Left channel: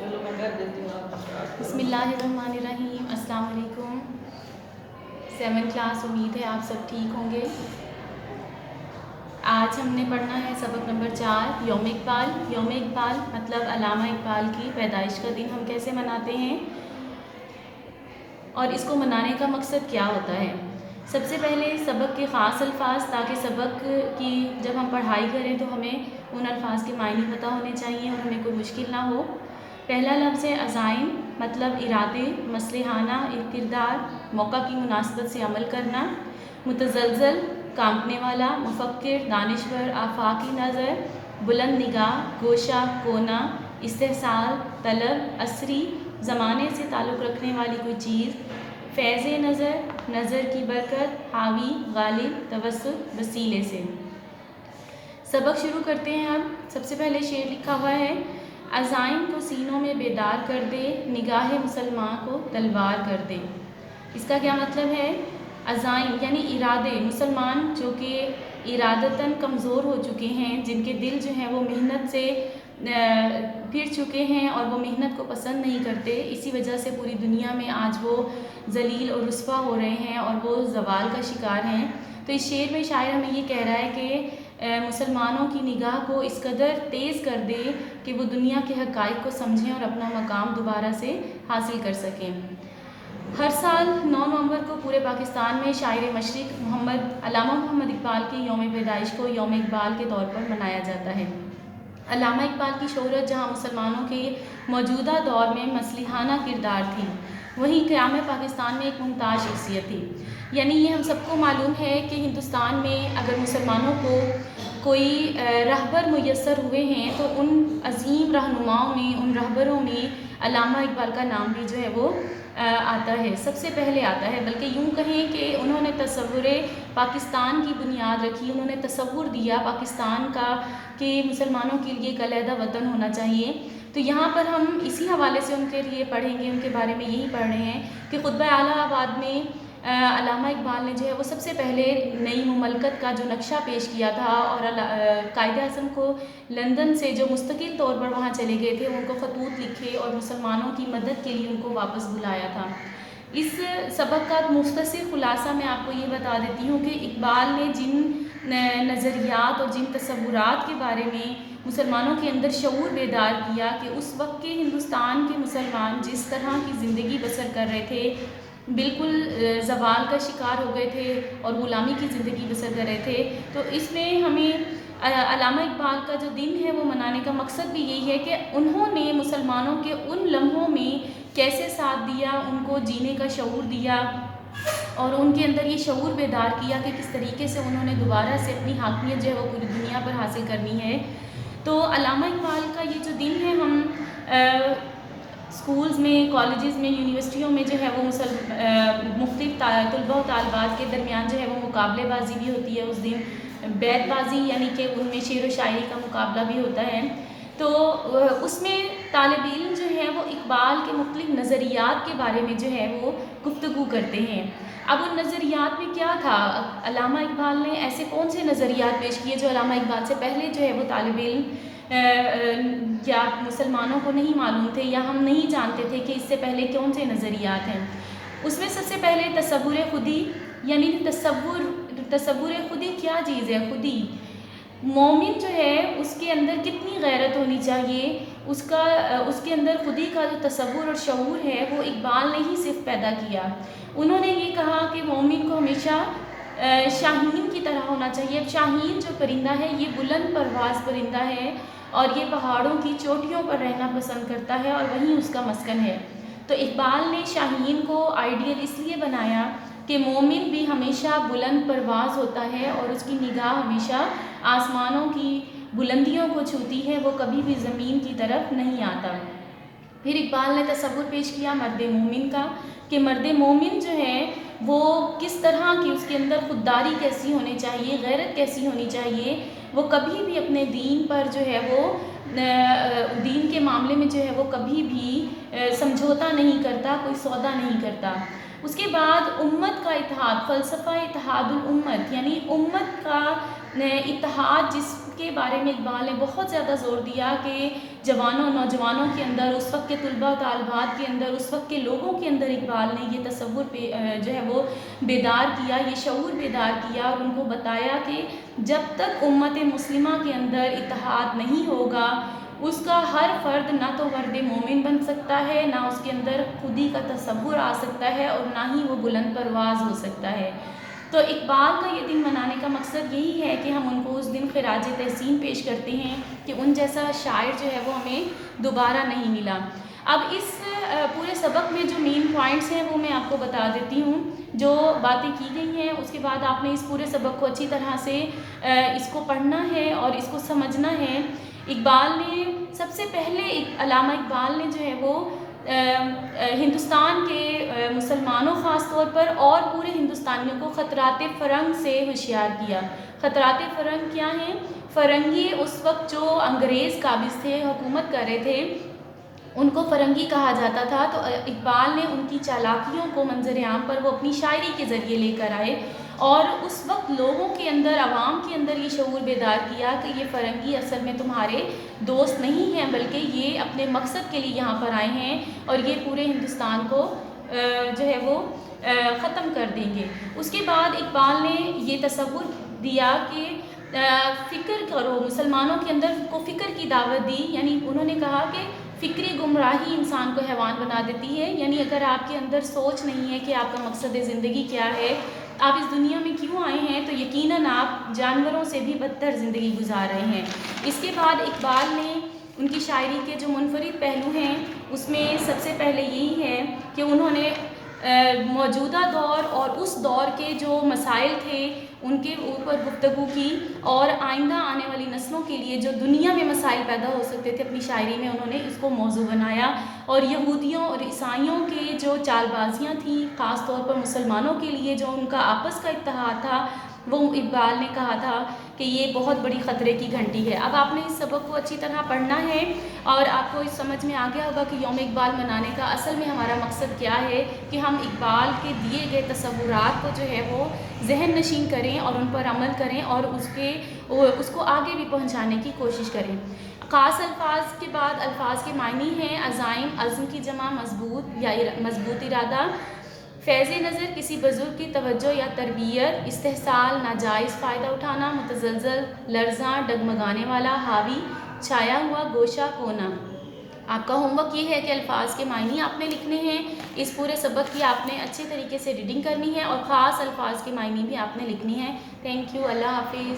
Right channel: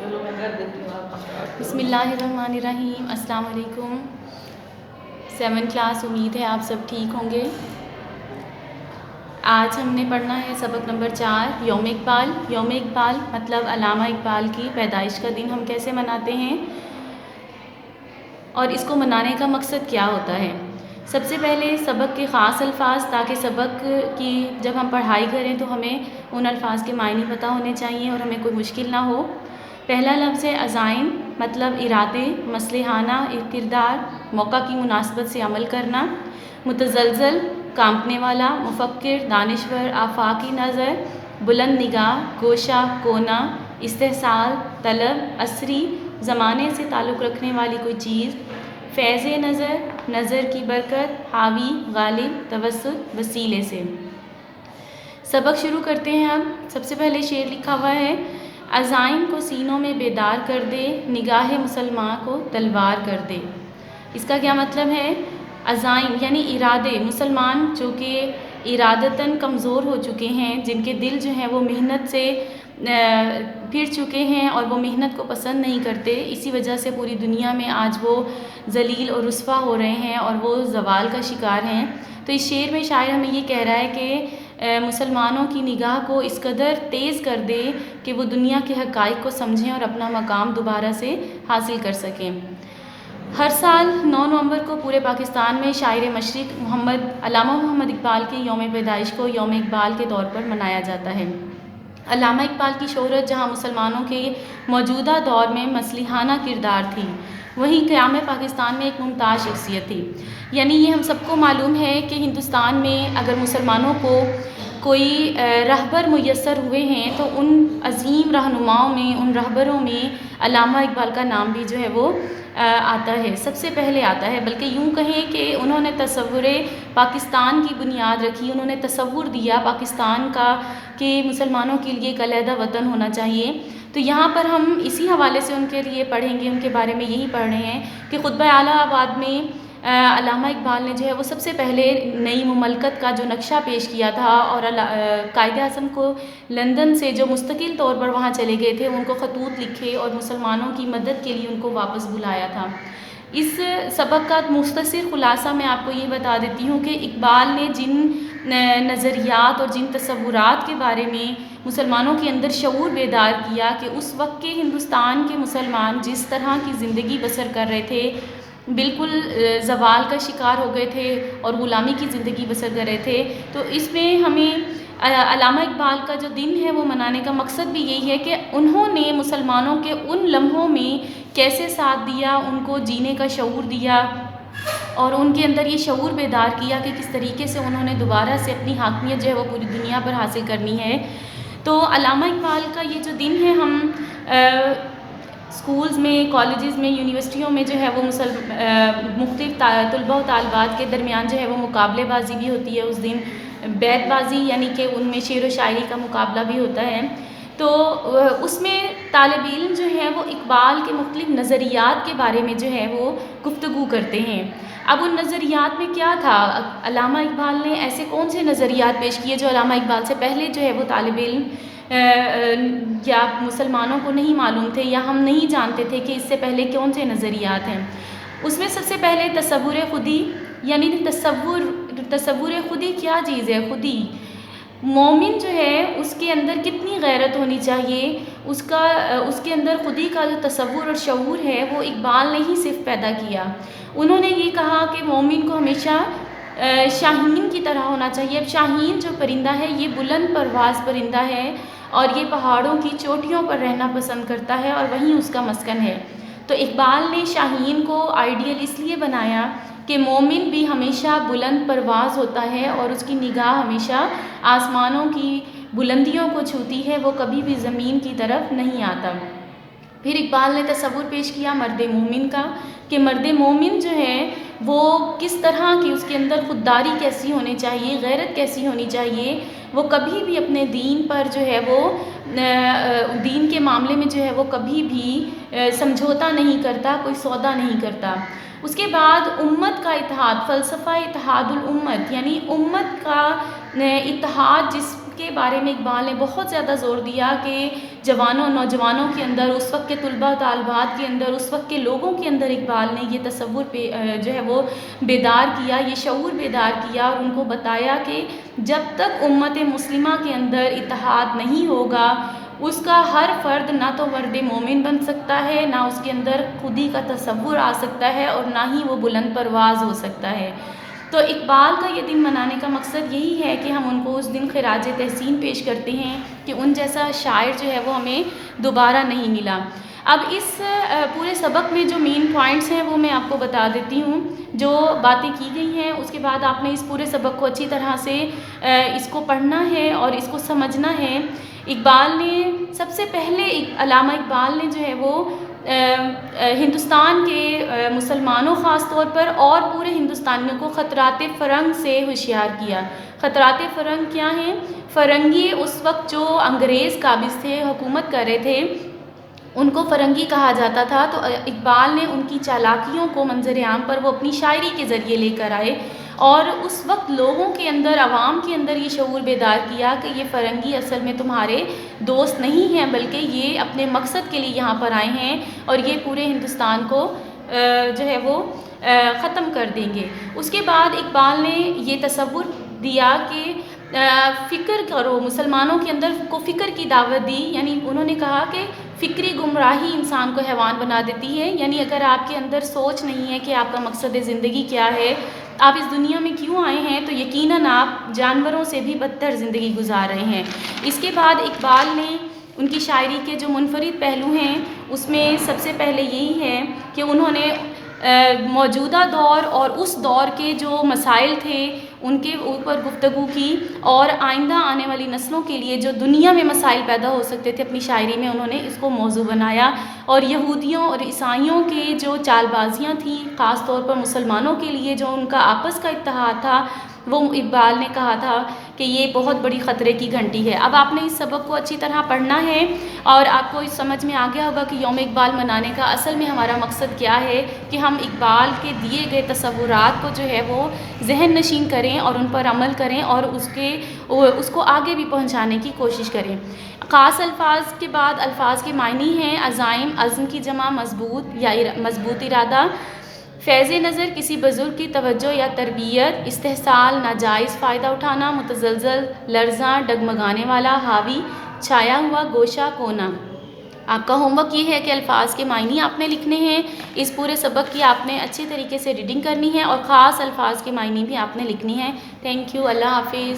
چلو میں کر دیتی ہوں آپ بسم اللہ الرحمن الرحیم۔ السلام علیکم 7 کلاس، امید ہے آپ سب ٹھیک ہوں گے۔ آج ہم نے پڑھنا ہے سبق نمبر 4 یوم اقبال۔ یوم اقبال مطلب علامہ اقبال کی پیدائش کا دن ہم کیسے مناتے ہیں اور اس کو منانے کا مقصد کیا ہوتا ہے۔ سب سے پہلے سبق کے خاص الفاظ، تاکہ سبق کی جب ہم پڑھائی کریں تو ہمیں ان الفاظ کے معنی پتہ ہونے چاہیے اور ہمیں کوئی مشکل نہ ہو۔ پہلا لفظ ہے عزائم، مطلب ارادے، مصلحانہ کردار، موقع کی مناسبت سے عمل کرنا۔ متزلزل، کانپنے والا، مفکر، دانشور، آفاقی نظر، بلند نگاہ، گوشہ، کونا، استحصال، طلب، عصری، زمانے سے تعلق رکھنے والی کوئی چیز۔ فیض نظر، نظر کی برکت، حاوی، غالب، توسط، وسیلے سے۔ سبق شروع کرتے ہیں اب۔ سب سے پہلے شعر لکھا ہوا ہے، عزائم کو سینوں میں بیدار کر دے، نگاہ مسلمان کو تلوار کر دے۔ اس کا کیا مطلب ہے؟ عزائم یعنی ارادے، مسلمان جو کہ ارادتاً کمزور ہو چکے ہیں، جن کے دل جو ہیں وہ محنت سے پھر چکے ہیں اور وہ محنت کو پسند نہیں کرتے، اسی وجہ سے پوری دنیا میں آج وہ ذلیل اور رسوا ہو رہے ہیں اور وہ زوال کا شکار ہیں۔ تو اس شعر میں شاعر ہمیں یہ کہہ رہا ہے کہ مسلمانوں کی نگاہ کو اس قدر تیز کر دے کہ وہ دنیا کے حقائق کو سمجھیں اور اپنا مقام دوبارہ سے حاصل کر سکیں۔ ہر سال 9 نومبر کو پورے پاکستان میں شاعر مشرق علامہ محمد اقبال کے یوم پیدائش کو یوم اقبال کے طور پر منایا جاتا ہے۔ علامہ اقبال کی شہرت جہاں مسلمانوں کے موجودہ دور میں مصلحانہ کردار تھی، وہیں قیام پاکستان میں ایک ممتاز شخصیت تھی۔ یعنی یہ ہم سب کو معلوم ہے کہ ہندوستان میں اگر مسلمانوں کو کوئی رہبر میسر ہوئے ہیں تو ان عظیم رہنماؤں میں، ان رہبروں میں علامہ اقبال کا نام بھی جو ہے وہ آتا ہے، سب سے پہلے آتا ہے۔ بلکہ یوں کہیں کہ انہوں نے تصور پاکستان کی بنیاد رکھی، انہوں نے تصور دیا پاکستان کا کہ مسلمانوں کے لیے ایک علیحدہ وطن ہونا چاہیے۔ تو یہاں پر ہم اسی حوالے سے ان کے لیے پڑھیں گے، ان کے بارے میں یہی پڑھ رہے ہیں کہ خطبہ اعلیٰ آباد میں علامہ اقبال نے جو ہے وہ سب سے پہلے نئی مملکت کا جو نقشہ پیش کیا تھا اور قائد اعظم کو لندن سے جو مستقل طور پر وہاں چلے گئے تھے، ان کو خطوط لکھے اور مسلمانوں کی مدد کے لیے ان کو واپس بلایا تھا۔ اس سبق کا مختصر خلاصہ میں آپ کو یہ بتا دیتی ہوں کہ اقبال نے جن نظریات اور جن تصورات کے بارے میں مسلمانوں کے اندر شعور بیدار کیا کہ اس وقت کے ہندوستان کے مسلمان جس طرح کی زندگی بسر کر رہے تھے، بالکل زوال کا شکار ہو گئے تھے اور غلامی کی زندگی بسر کر رہے تھے، تو اس میں ہمیں علامہ اقبال کا جو دن ہے وہ منانے کا مقصد بھی یہی ہے کہ انہوں نے مسلمانوں کے ان لمحوں میں کیسے ساتھ دیا، ان کو جینے کا شعور دیا اور ان کے اندر یہ شعور بیدار کیا کہ کس طریقے سے انہوں نے دوبارہ سے اپنی حاکمیت جو ہے وہ پوری دنیا پر حاصل کرنی ہے۔ تو علامہ اقبال کا یہ جو دن ہے، ہم اسکولز میں، کالجز میں، یونیورسٹیوں میں جو ہے وہ مختلف طلباء و طالبات کے درمیان جو ہے وہ مقابلے بازی بھی ہوتی ہے اس دن، بیت بازی یعنی کہ ان میں شعر و شاعری کا مقابلہ بھی ہوتا ہے۔ تو اس میں طالب علم جو ہے وہ اقبال کے مختلف نظریات کے بارے میں جو ہے وہ گفتگو کرتے ہیں۔ اب ان نظریات میں کیا تھا؟ علامہ اقبال نے ایسے کون سے نظریات پیش کیے جو علامہ اقبال سے پہلے جو ہے وہ طالب علم یا مسلمانوں کو نہیں معلوم تھے یا ہم نہیں جانتے تھے کہ اس سے پہلے کون سے نظریات ہیں۔ اس میں سب سے پہلے تصور خودی، یعنی تصور خودی کیا چیز ہے؟ خودی مومن جو ہے اس کے اندر کتنی غیرت ہونی چاہیے، اس کے اندر خودی کا جو تصور اور شعور ہے وہ اقبال نے ہی صرف پیدا کیا۔ انہوں نے یہ کہا کہ مومن کو ہمیشہ شاہین کی طرح ہونا چاہیے۔ اب شاہین جو پرندہ ہے یہ بلند پرواز پرندہ ہے اور یہ پہاڑوں کی چوٹیوں پر رہنا پسند کرتا ہے اور وہیں اس کا مسکن ہے۔ تو اقبال نے شاہین کو آئیڈیل اس لیے بنایا کہ مومن بھی ہمیشہ بلند پرواز ہوتا ہے اور اس کی نگاہ ہمیشہ آسمانوں کی بلندیوں کو چھوتی ہے، وہ کبھی بھی زمین کی طرف نہیں آتا۔ پھر اقبال نے تصور پیش کیا مرد مومن کا کہ مرد مومن جو ہے وہ کس طرح کی، اس کے اندر خودداری کیسی ہونی چاہیے، غیرت کیسی ہونی چاہیے، وہ کبھی بھی اپنے دین پر جو ہے وہ دین کے معاملے میں جو ہے وہ کبھی بھی سمجھوتا نہیں کرتا، کوئی سودا نہیں کرتا۔ اس کے بعد امت کا اتحاد، فلسفہ اتحاد الامت، یعنی امت کا اتحاد کے بارے میں اقبال نے بہت زیادہ زور دیا کہ جوانوں نوجوانوں کے اندر، اس وقت کے طلباء طالبات کے اندر، اس وقت کے لوگوں کے اندر اقبال نے یہ تصور جو ہے وہ بیدار کیا، یہ شعور بیدار کیا اور ان کو بتایا کہ جب تک امت مسلمہ کے اندر اتحاد نہیں ہوگا، اس کا ہر فرد نہ تو مرد مومن بن سکتا ہے، نہ اس کے اندر خودی کا تصور آ سکتا ہے، اور نہ ہی وہ بلند پرواز ہو سکتا ہے۔ تو اقبال کا یہ دن منانے کا مقصد یہی ہے کہ ہم ان کو اس دن خراج تحسین پیش کرتے ہیں کہ ان جیسا شاعر جو ہے وہ ہمیں دوبارہ نہیں ملا۔ اب اس پورے سبق میں جو مین پوائنٹس ہیں وہ میں آپ کو بتا دیتی ہوں، جو باتیں کی گئی ہیں، اس کے بعد آپ نے اس پورے سبق کو اچھی طرح سے اس کو پڑھنا ہے اور اس کو سمجھنا ہے۔ اقبال نے سب سے پہلے علامہ اقبال نے جو ہے وہ ہندوستان کے مسلمانوں خاص طور پر اور پورے ہندوستانیوں کو خطرات فرنگ سے ہوشیار کیا۔ خطرات فرنگ کیا ہیں؟ فرنگی اس وقت جو انگریز قابض تھے، حکومت کر رہے تھے، ان کو فرنگی کہا جاتا تھا۔ تو اقبال نے ان کی چالاکیوں کو منظر عام پر وہ اپنی شاعری کے ذریعے لے کر آئے، اور اس وقت لوگوں کے اندر، عوام کے اندر یہ شعور بیدار کیا کہ یہ فرنگی اصل میں تمہارے دوست نہیں ہیں، بلکہ یہ اپنے مقصد کے لیے یہاں پر آئے ہیں اور یہ پورے ہندوستان کو جو ہے وہ ختم کر دیں گے۔ اس کے بعد اقبال نے یہ تصور دیا کہ فکر کرو، مسلمانوں کے اندر کو فکر کی دعوت دی، یعنی انہوں نے کہا کہ فکری گمراہی انسان کو حیوان بنا دیتی ہے، یعنی اگر آپ کے اندر سوچ نہیں ہے کہ آپ کا مقصد زندگی کیا ہے، آپ اس دنیا میں کیوں آئے ہیں، تو یقیناً آپ جانوروں سے بھی بدتر زندگی گزار رہے ہیں۔ اس کے بعد اقبال نے ان کی شاعری کے جو منفرد پہلو ہیں، اس میں سب سے پہلے یہی ہے کہ انہوں نے موجودہ دور اور اس دور کے جو مسائل تھے ان کے اوپر گفتگو کی، اور آئندہ آنے والی نسلوں کے لیے جو دنیا میں مسائل پیدا ہو سکتے تھے اپنی شاعری میں انہوں نے اس کو موضوع بنایا، اور یہودیوں اور عیسائیوں کے جو چال بازیاں تھیں، خاص طور پر مسلمانوں کے لیے جو ان کا آپس کا اتحاد تھا، وہ اقبال نے کہا تھا کہ یہ بہت بڑی خطرے کی گھنٹی ہے۔ اب آپ نے اس سبق کو اچھی طرح پڑھنا ہے، اور آپ کو اس سمجھ میں آ گیا ہوگا کہ یوم اقبال منانے کا اصل میں ہمارا مقصد کیا ہے، کہ ہم اقبال کے دیے گئے تصورات کو جو ہے وہ ذہن نشین کریں اور ان پر عمل کریں، اور اس کو آگے بھی پہنچانے کی کوشش کریں۔ خاص الفاظ کے بعد الفاظ کے معنی ہیں: عزائم، عزم کی جمع مضبوط یا مضبوط ارادہ، فیض نظر کسی بزرگ کی توجہ یا تربیت، استحصال ناجائز فائدہ اٹھانا، متزلزل لرزاں ڈگمگانے والا، حاوی چھایا ہوا گوشہ کونا۔ آپ کا ہوم ورک یہ ہے کہ الفاظ کے معنی آپ نے لکھنے ہیں، اس پورے سبق کی آپ نے اچھی طریقے سے ریڈنگ کرنی ہے، اور خاص الفاظ کے معنی بھی آپ نے لکھنی ہے۔ تھینک یو، اللہ حافظ۔